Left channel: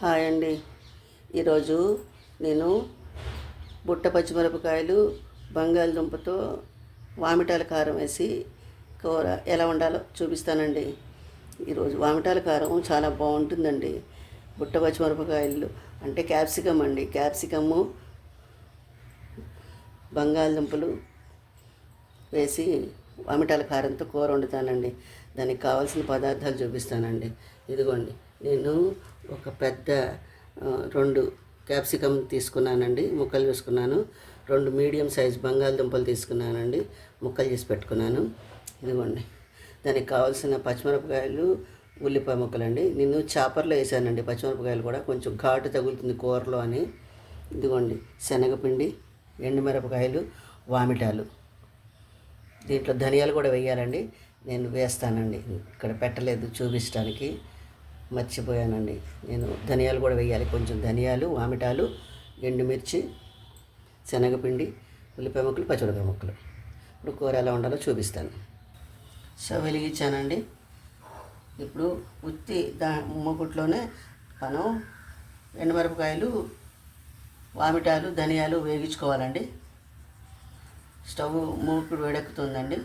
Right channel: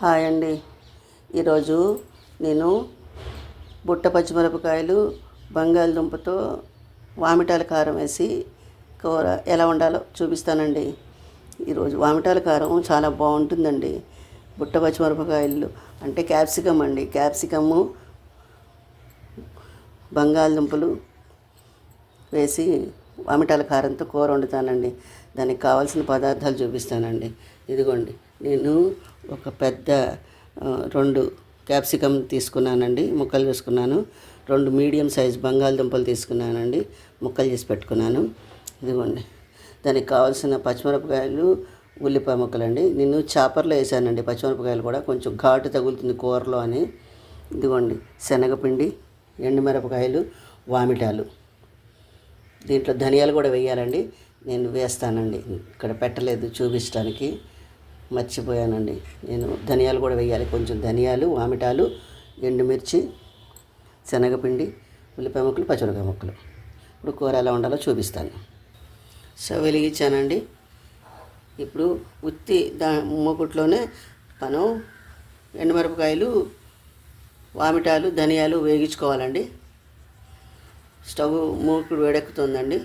Hi అండి. ఈరోజు నేను బుట్ట పచ్చిమిరపకాయలు బంగాళదుంపతో వామిటాల కారం వేసి కూర ఎలా వండాలో చూపిస్తానండి. ఈరోజు వామిటాల కారం చాలా బాగుంటుందండి. బుట్ట పచ్చిమిరపకాయలు అంటే క్యాప్సికమ్ అండి, క్యాప్సికము బంగాళదుంపలు వేసి వామిటాల కారంతో కూర వండుతానండి. దానికి కావాల్సిన పదార్థాలు చూపిస్తానండి. ఇదిగోండి, నేను ఒక పెద్ద 2 క్యాప్సికమ్ తీసుకున్నానండి, ముక్కలు చేసుకున్నాను. 2 మీడియం సైజ్ బంగాళదుంపలు తీసుకున్నానండి, ముక్కలు చేసి పెట్టుకున్నాను. ఇదిగోండి, దానికి కావాల్సిన పచ్చిమిరపకాయలు, ఉల్లిపాయ ముక్కలండి. నేను చాపర్లో వేసానండి. పచ్చిమిరపకాయలు కూడా కొంచెం ఘాటు తగులుతుంది కూరలో అని. ఇదిగోండి, శనగపిండి, ఎండుమిరపకాయలు, వామిటాలు. దీంట్లో ధనియాలు కూడా వేయాలండి. నేను వేస్తానండి, ఇక్కడ పెట్టలేదు చూపించడానికి, మర్చిపోయానండి. నేను ధనియాలు కూడా వేయాలి. కొంచెం ధనియాలు, వామిటాలు, ఎండుమిర్చి, శనగపిండి, ఉల్లిపాయ ముక్కలు, పచ్చిమిరపకాయ ముక్కలు. ఇప్పుడు కూర ఎలా ఉండాలో చూపిస్తాను. స్టవ్ వెలిగించానండి. ఇప్పుడు ఉత్తి మూకుట్లోనే మనం ఎండుమిరపకాయలు, వామిటాలు, ధనియాలు వేగించుకోవాలండి. స్టవ్ మూకుడు వేడెక్కుతుందండి.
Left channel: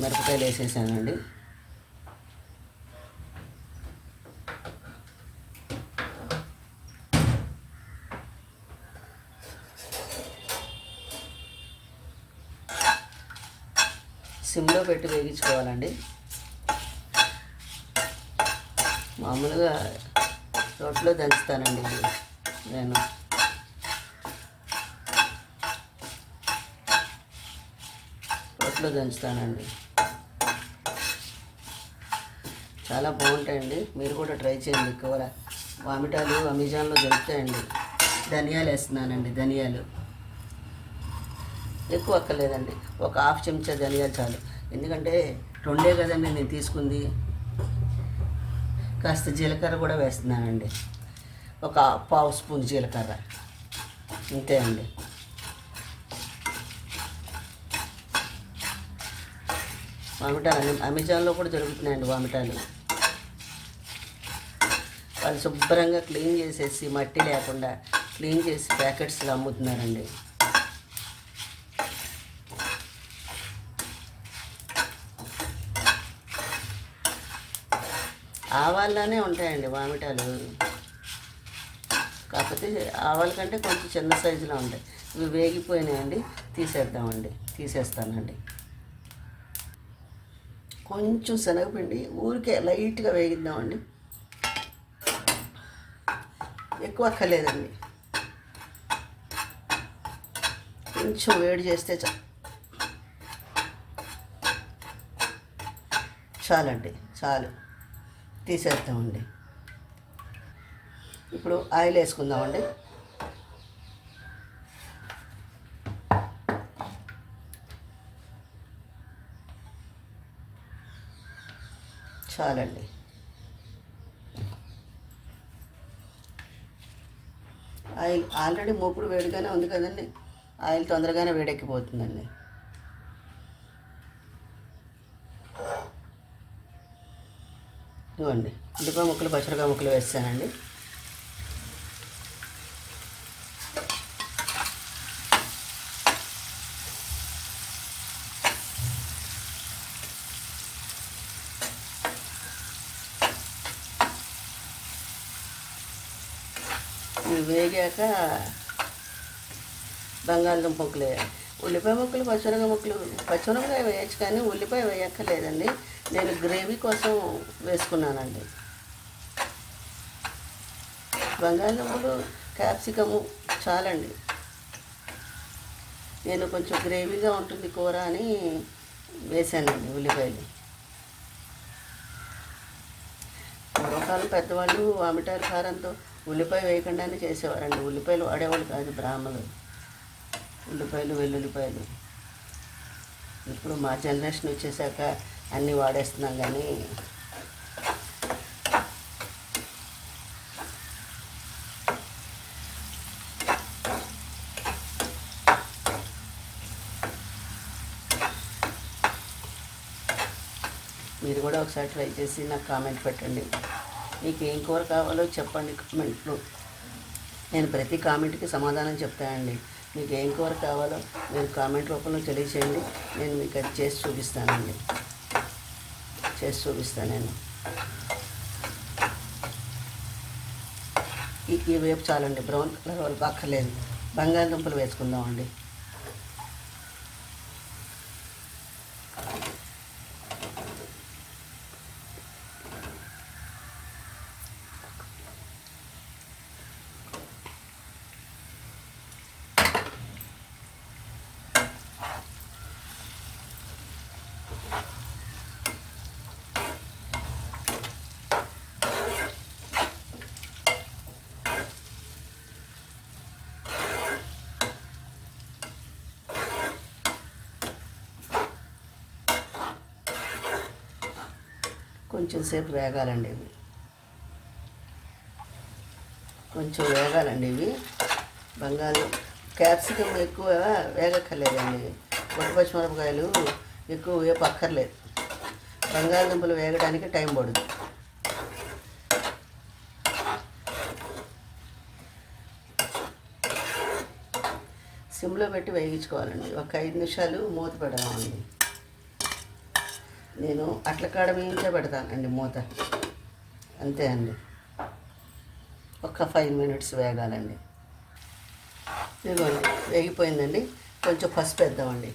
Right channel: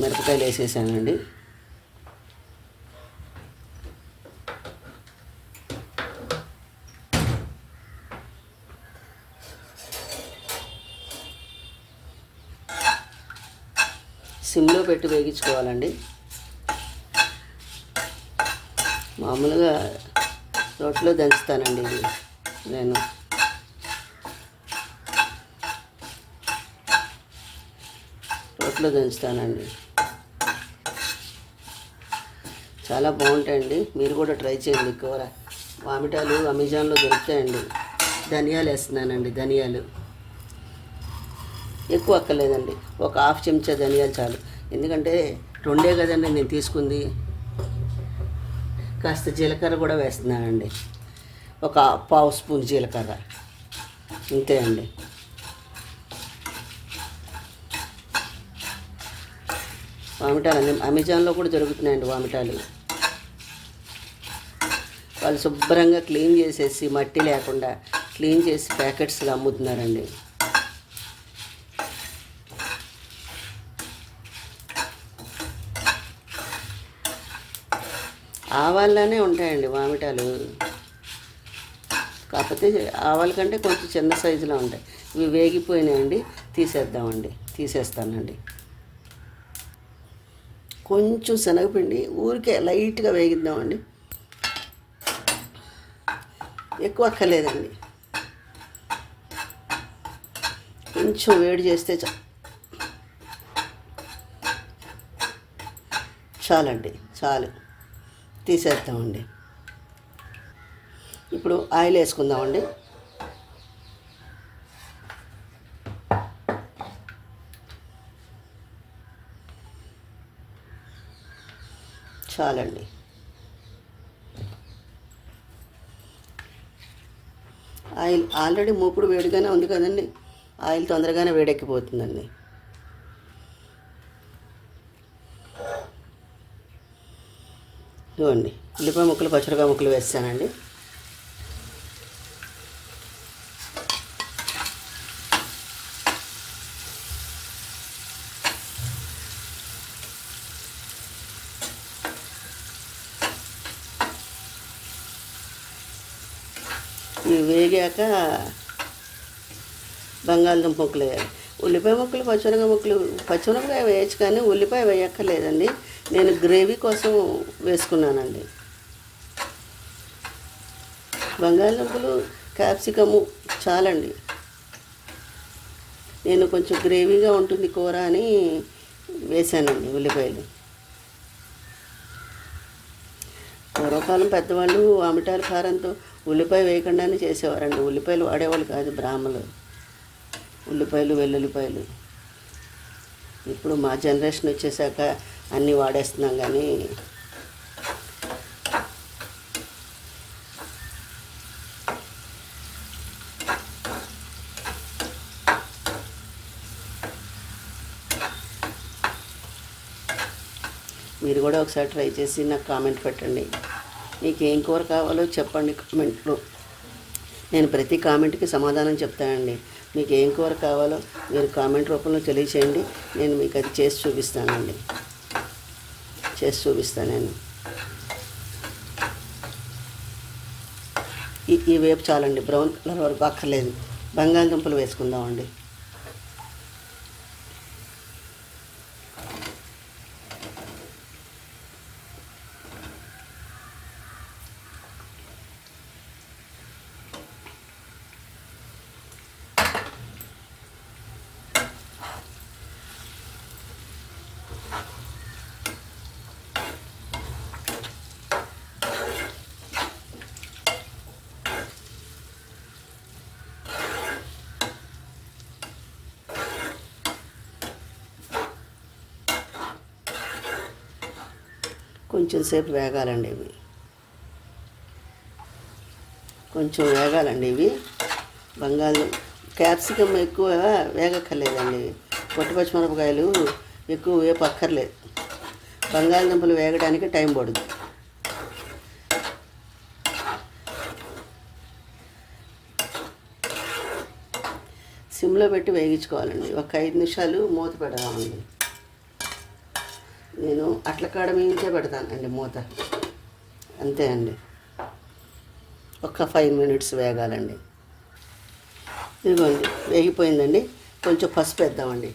మిరపకాయలు వేసేసానండి. సిమ్లో పెట్టి వేగించుకోవాలండి. మామూలుగా రోట్లో దంచుతానండి ఇది నేను. రోట్లో దంచుతానండి. చాలా బాగుంటాయండి, మీరు కూడా ట్రై చేయండి. కూర వామిటాలు అమెజాన్లో దొరుకుతాయండి. ధనియాలు వేస్తున్నానండి. ధనియాలు ఎక్కువ అక్కర్లేదండి, ఒక 1/2 చెంచా ధనియాలు చాలు. ఎందుకంటే 2 కదండి నేను తీసుకుంది. కాస్త జీలకర్ర కూడా వేస్తున్నానండి, ఒక 1/2 స్పూన్ జీలకర్ర, ఇంతే అండి. వామిటాలు అమెజాన్లో కూడా దొరుకుతున్నాయండి. వామిటాలు వాళ్ళు శుభ్రంగా క్లీన్ చేసేసి, మట్టి లేకుండా క్లీన్ చేసి ప్యాకెట్స్లో అమ్ముతున్నారండి. ఆవాల్లోనే ఉంటాయండి వామిటాలు, కాకపోతే ఆవాల కంటే కొంచెం చిన్న సైజులో ఉంటాయి. ఇవి వేగిపోయినాయండి, తీసేస్తానండి. కొంచెం శనగపిండి ఊరికే లైట్గా వేగిద్దామండి, ఎక్కువ అక్కర్లేదండి. కొంచెం వేడి చేస్తే చాలండి, చాలు. తీసేద్దామండి. ఇప్పుడు ఆయిల్ వేసుకుందామండి. చాలండి. ఆయిల్ ఆల్రెడీ మూకుడు వేడిగానే ఉంది కదండి, ఆయిల్ తొందరగానే వేడెక్కిపోతుందండి. ఇదిగోండి, ఉల్లిపాయ ముక్కలు, పచ్చిమిరపకాయ ముక్కలు వేస్తానండి. ఇవి వేగాక బంగాళదుంప ముక్కలు వేయాలి. ఉల్లిపాయ ముక్కలు, పచ్చిమిరపకాయ వేయచ్చు, కానీ ఉల్లిపాయ వేయక్కర్లేదండి. నేను గ్రేవీ కోసం వేసుకున్నానండి. బంగాళదుంపలు, క్యాప్సికము చాలండి. నేను కొంచెం గ్రేవీగా ఉంటుంది కూర అని వేసానండి ఉల్లిపాయలు. పూర్వకాలం పెద్దవాళ్ళు వామిటాల కారంతో ఉల్లిపాయ వేయకుండానే చేసేవారండి. ఉల్లిపాయలు వాడేవాళ్ళు కాదు బ్రాహ్మలు, ఉల్లిపాయలు, వెల్లుల్లిపాయలు. ఇప్పుడు మా జనరేషన్ వచ్చేసాక అన్నీ వాడేస్తున్నాం. కానీ మీరు కూడా ఒకసారి ట్రై చేసి నాకు కామెంట్ పెట్టండి. మీకు ఏం కూర కావాలో చెప్పండి కామెంట్లో. నేను ప్రతి కామెంట్కి సమాధానం చెప్తానండి. మీకు ఏం కూర కావాలో మీరు కామెంట్ రూపంలో తెలియచేయండి. నేను మీకు అది చేసి చూపిస్తానండి. నేను ఈ వేపు చాలండి, బ్రౌన్ కలర్ వరకు అక్కర్లేదు. బంగాళదుంపలు వేసుకుందామండి. కొంచెం సేపు వేగాలండి ఇవి, క్యాప్సికమ్ ఎక్కువ వేగక్కర్లేదండి. పొట్టు పచ్చిమిరపకాయలు ఎక్కువ వేపు అక్కర్లేదు. బంగాళదుంపలు వేగడానికి టైం పడుతుంది. సిమ్లో పెట్టి వేగించుకోవాలండి. ఒక 5 నిమిషాలు మూత పెడదామండి. నేను అట్ల కాడ మించే పెడతానండి మూత, అంతే అండి. ఒక 5 మినిట్స్ వేగాలండి. ఇదిగోండి వేగిపోయిందండి. కొంచెం పసుపు వేద్దామండి.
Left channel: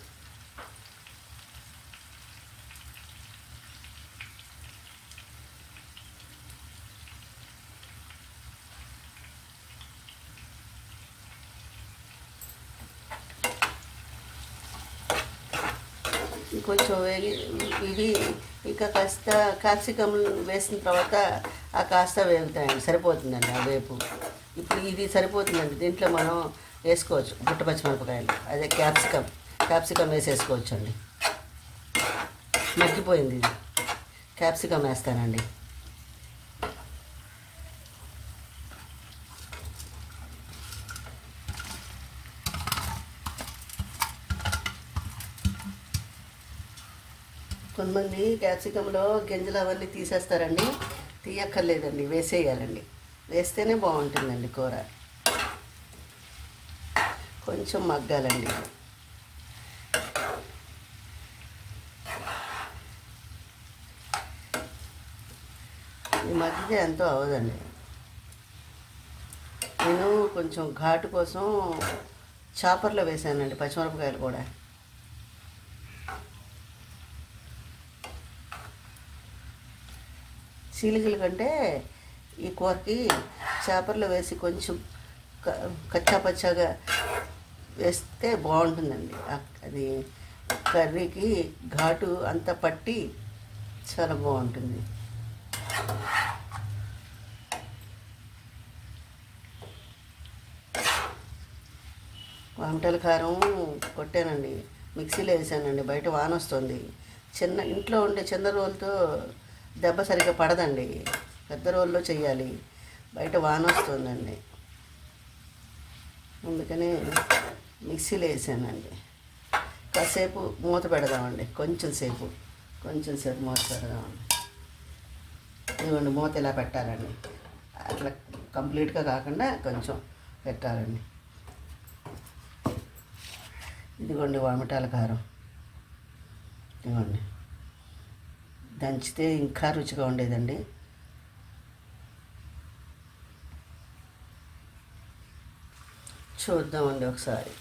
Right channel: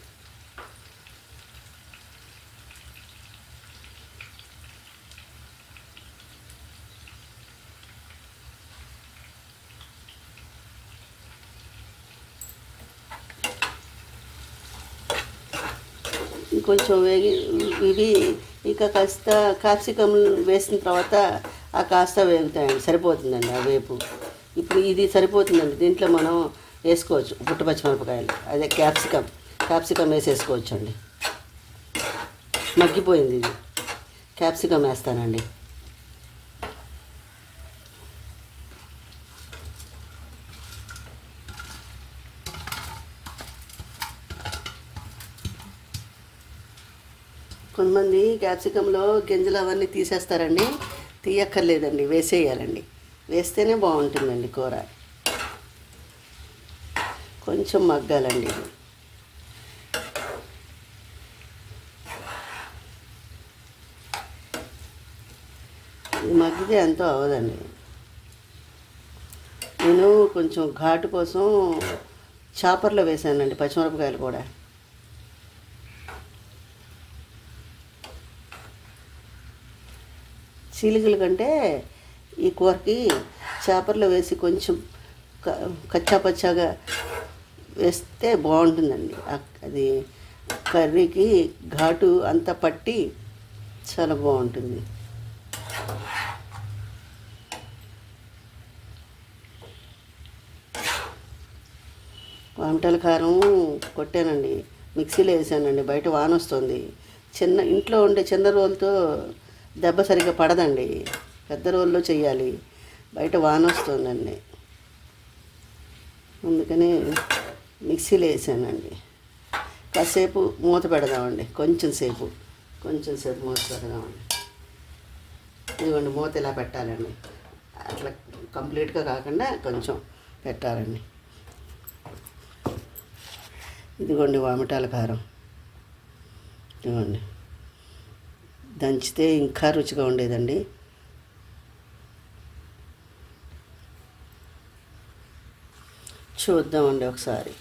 కొంచెం వేగి ఇవి ఇక కాస్త క్యాప్సికమ్ వేసిన తర్వాత ఆ కాస్త వేగుతాయండి, సరిపోతుందండి ఆ వేపు. ఇప్పుడు ఇది సరిపోతుందండి. దీంట్లో మనం వేసుకోవచ్చు పుట్ట పచ్చిమిరపకాయలు, అదే క్యాప్సికమ్ వేసేసుకోవచ్చు అండి. మగ్గిపోయింది ఇది, క్యాప్సికమ్ వేస్తానండి. కొంతమంది క్యాప్సికంలో గింజలు అవన్నీ తీసేస్తారండి. తీయక్కర్లేదండి, వేసేయాలండి. వేస్తేనే బాగుంటుందండి కూర. కొంచెం మగ్గాలండి. మగ్గితే ఎంతో అవ్వదండి. నేను కొంచెం ఘాటు కోసం చాపర్లో వేసానండి పచ్చిమిరపకాయలు కూడా. చీలికల కంటే ఈ కూరకి చేపర్లో వేసి కొంచెం కచ్చాపచ్చాగా వేస్తే బాగుంటుందండి. అది కర్రీకి ఘాటు అంతా పట్టి చాలా బాగుంటుంది. వంటల కారం కొట్టానండి, మిక్సీలో వేసానండి. బయట వాన వస్తుంది. ఇంట్లో ఉండే చిన్న రోలుతో దెబ్బ సరిగ్గా పడదండి, పెద్ద రోల్లో చెయ్యాలి. బయట వాన వస్తుందండి, అందుకని మిక్సీలో వేసానండి. కాసేపు మూత పెడదామండి. కొంచెం సేపు మూత పెడదామండి. ఇదిగోండి మూత ఇలా పెట్టాలండి. అట్లా కంప్లీట్గా కాకుండా కొంచెం పెట్టాలండి. ఇదిగోండి వామిటాల కారం. ఇదిగోండి దంచితే ఇంకా రుచిగా ఉండేదండి. చూద్దామండి ఒకసారి.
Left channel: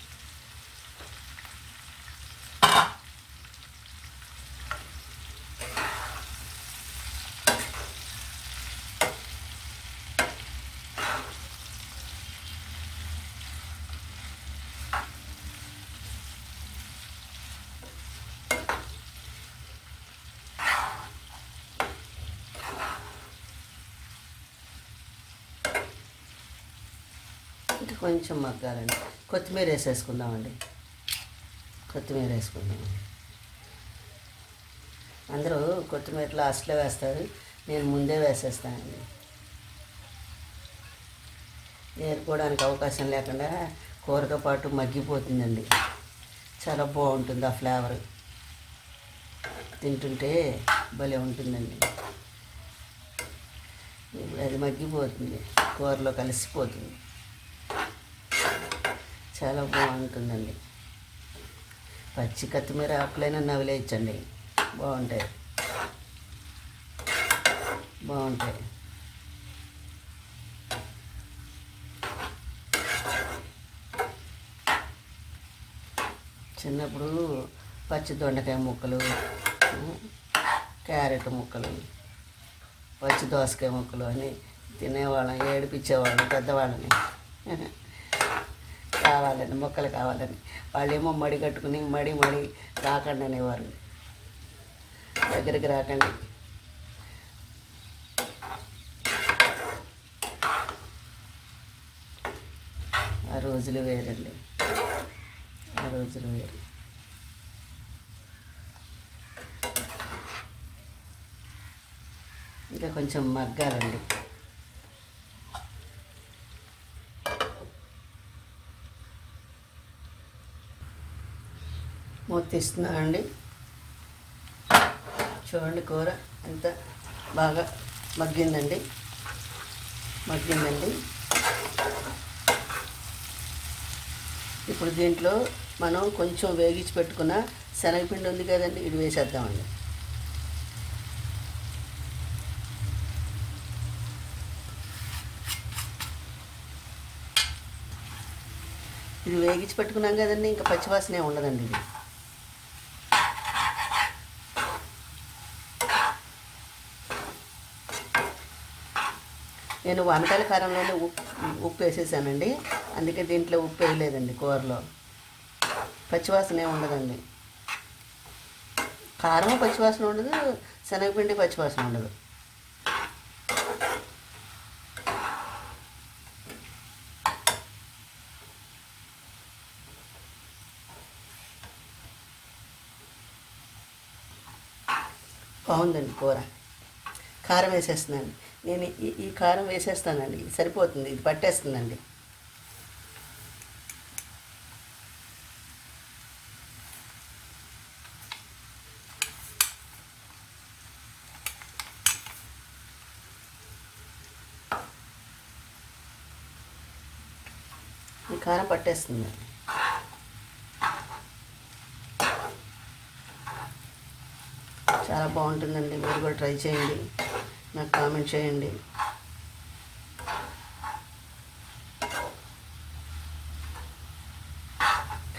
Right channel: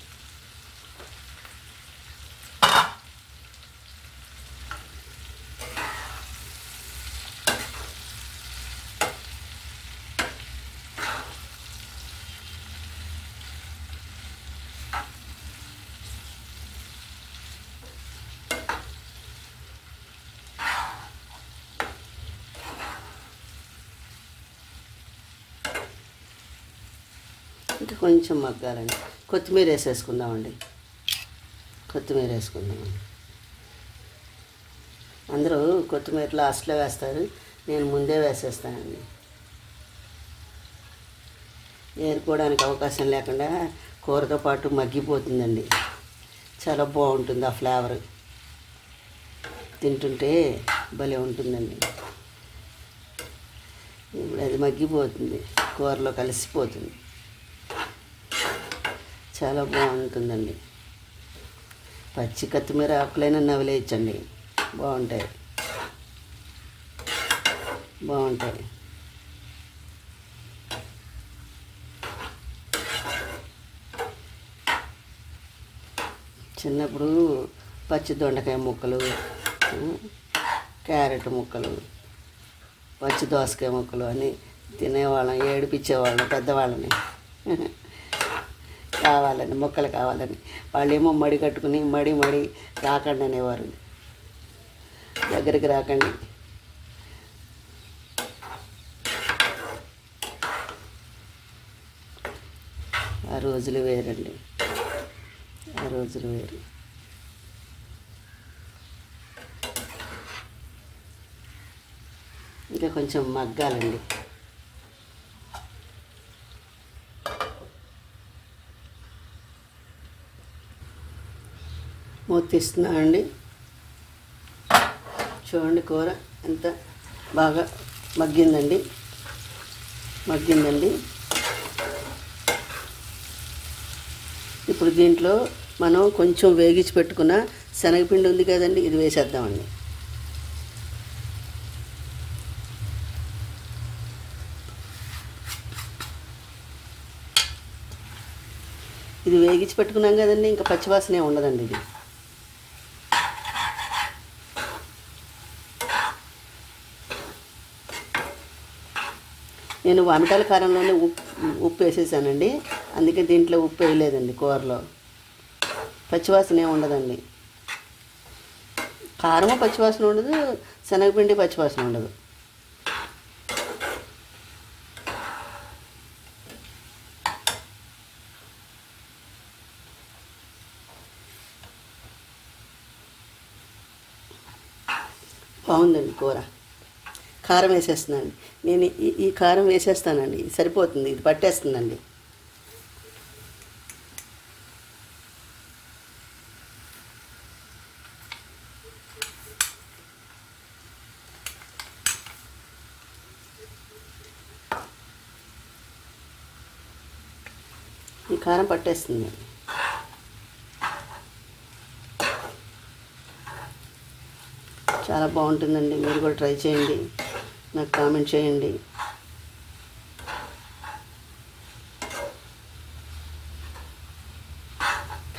ఇంకా కొంచెం మగ్గాలండి. కొత్తిమీర వేసేసుకుందామండి. అందరూ కొత్తిమీర లాస్ట్లో వేస్తారు, నేను ముందే వేసేస్తానండి. ఏరుకోవడానికి అవకాశం లేకుండా కూరతో పాటు మగ్గిపోతుందండి. చాలా బాగుంటుంది ఆ ఫ్లేవర్, తింటుంటే భలే ఉంటుందండి. అది మగ్గిపోతుంది, కూరలో కలిసిపోతుంది, చాలా బాగుంటుందండి. పచ్చి కొత్తిమీర ఆకులైనా నవిలేయచ్చండి, బాగుంటాయి. చిన్నప్పుడు పచ్చి దొండకాయ ముక్కలు, క్యారెట్ ముక్కలు, పచ్చి దోసకాయ ముక్కలు అని తినేవాళ్ళం, ఏడిపించేవాళ్ళం పెద్దవాళ్ళని. కావాలని మొక్కలు కావాలని వాళ్ళేమో మడి కట్టుకుని మడి రాకండి అనేవారు, దగ్గరికి రాకండి. ఆ రోజులు వేరండి, ఆ రోజులు వేరు. ఇంకా కొంచెం మగ్గాలండి. మూత తీస్తున్నానండి. చూడండి కూర ఎంత బాగా మగ్గిందండి. ఇప్పుడు దీంట్లో మనం కొంచెం వేగించి పెట్టుకున్న శనగపిండి ఉంది కదండి, ఇది వేసేద్దామండి. ఇది వేగించి పెట్టుకున్నాం కదండి, ఇంకా పచ్చివాసనే ఉండదండి. ఇది నేను వంటల కారంలోనే ఉప్పు వేసేసానండి, అందుకే దీంట్లో ఉప్పు వేయలేదండి. కూరలో పచ్చివాసనే ఉండదండి. కారము పచ్చివాసన ఉండదు, శనగపిండి పచ్చివాసన ఉండదు. బాగుందండి కూర. కారం వేసేస్తున్నాను నేను. ఈ కారం వేసేస్తానండి, సరిపోతుంది, ఇది పట్టేస్తుందండి. ఈ కారం పట్టేస్తుంది. చాలా బాగుంటుందండి, మీరు కూడా ట్రై చేయండి, నాకు కామెంట్ చేయండి.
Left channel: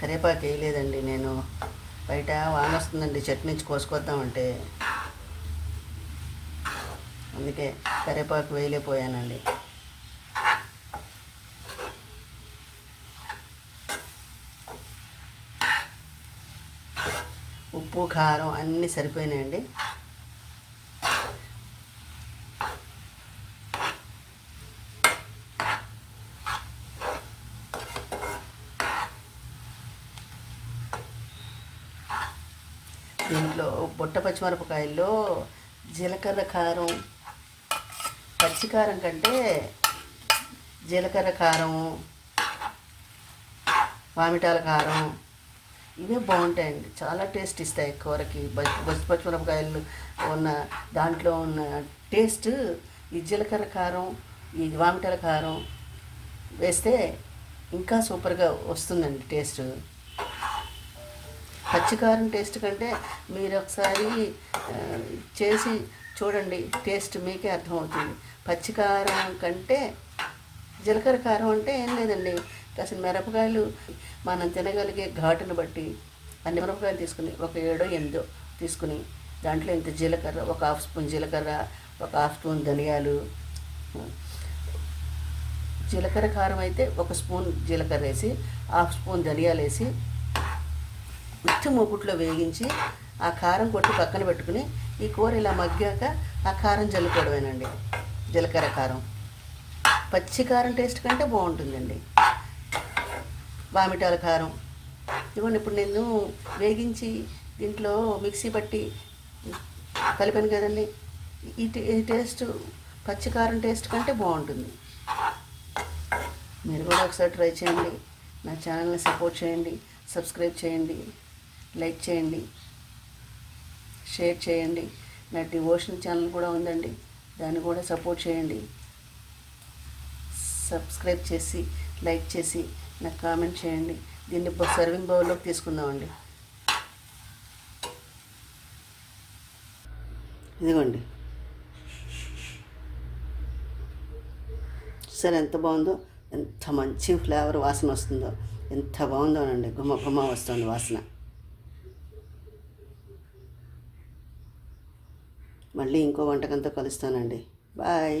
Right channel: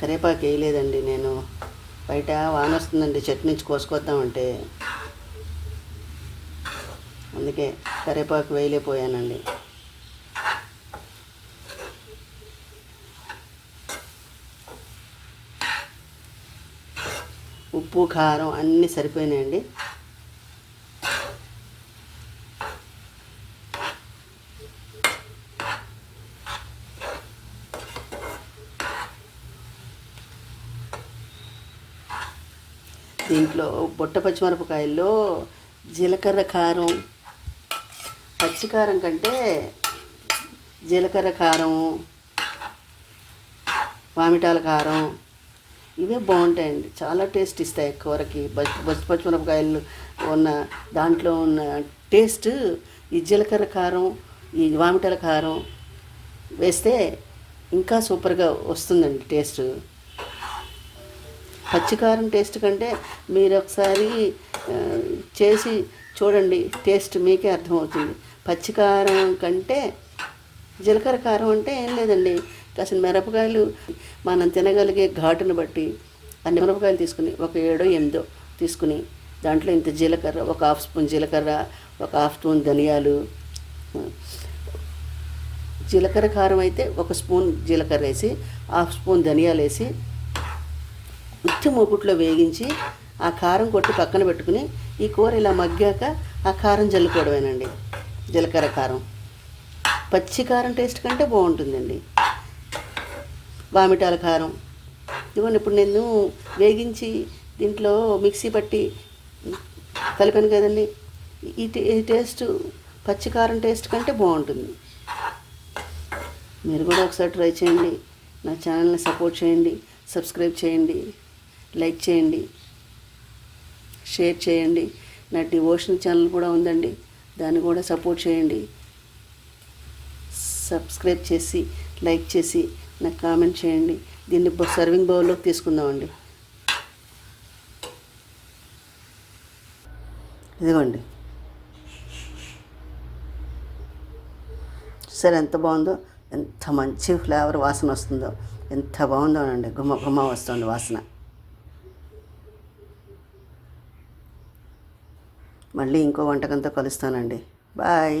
కరివేపాకు వేయలేదండి నేను, బయట వాన వస్తుందండి, చెట్టు నుంచి కోసుకొద్దామంటే, అందుకే కరివేపాకు వేయలేకపోయానండి. ఉప్పు కారం అన్నీ సరిపోయినాయండి. దీంట్లో బుట్ట పచ్చిమిరపకాయల్లో జీలకర్ర కారం, పచ్చికారం కంటే జీలకర్ర కారం, మామిటాల కారం ఇవే బాగుంటాయండి, చాలా టేస్ట్ ఇస్తాయి కూరకి. పచ్చిమిరపకాయలు ఉన్న దాంట్లో ఉన్న టేస్ట్ ఈ జీలకర్ర కారం, ఈ మామిటాల కారం వేస్తే ఇంకా సూపర్గా వస్తుందండి టేస్ట్. పచ్చికారం టేస్ట్ కంటే మీరు ఒకసారి చేసి చూడండి, టేస్ట్ మీకే అర్థమవుతుంది. పచ్చికారం కంటే జీలకర్ర కారం అంటే ఏం లేదండి, కాసిన మిరపకాయలు మనం తినగలిగే ఘాటును బట్టి అన్ని మిరపకాయలు తీసుకుని, ఒక 7-8 తీసుకుని దాంట్లో ఇంత జీలకర్ర, ఒక హాఫ్ స్పూన్ జీలకర్ర, ఒక హాఫ్ స్పూన్ ధనియాలు, జీలకర్ర కారం అయితే 1 స్పూన్ జీలకర్ర వేసి, హాఫ్ స్పూన్ ధనియాలు వేసి ఉత్తి మూకుట్లో వేగించి ఆ కారం కొట్టి పక్కన పెట్టుకుని ఈ కూర ఇలా మగ్గాక ఆ కారం జల్లుకోవడమేనండి. జీలకర్ర కారం పచ్చి కారం టేస్ట్ కంటే బాగుంటుందండి. వామిటాల కారం ఇవ్వండి, ఇప్పుడు నేను వేగించి దీంట్లో మిక్సీ పట్టి కలిపాను కదండి, ఈ టేస్ట్ పచ్చికారం టేస్ట్ కంటే బాగుంటుంది. మీరు కూడా ఒకసారి ట్రై చేయండి, నా ఛానల్ని సపోర్ట్ చేయండి, సబ్స్క్రైబ్ చేయండి, లైక్ చేయండి, షేర్ చేయండి. నా డివోషన్ ఛానల్ కూడా ఉందండి, దాన్ని కూడా సపోర్ట్ చేయండి. సబ్స్క్రైబ్ చేసి లైక్ చేసి నాకు కామెంట్ చేయండి. దీన్ని సర్వింగ్ బౌల్లోకి తీసుకుందామండి. ఇదిగోండి, సరే ఎంత బాగుందో, ఎంత మంచి ఫ్లేవర్ వాసన వస్తుందో, ఎంత బాగుందోనండి. గుమ్మ గుమ్మ వస్తుంది వాసన. మళ్ళీ ఇంకో వంటకంతో కలుస్తానండి. బాయ్.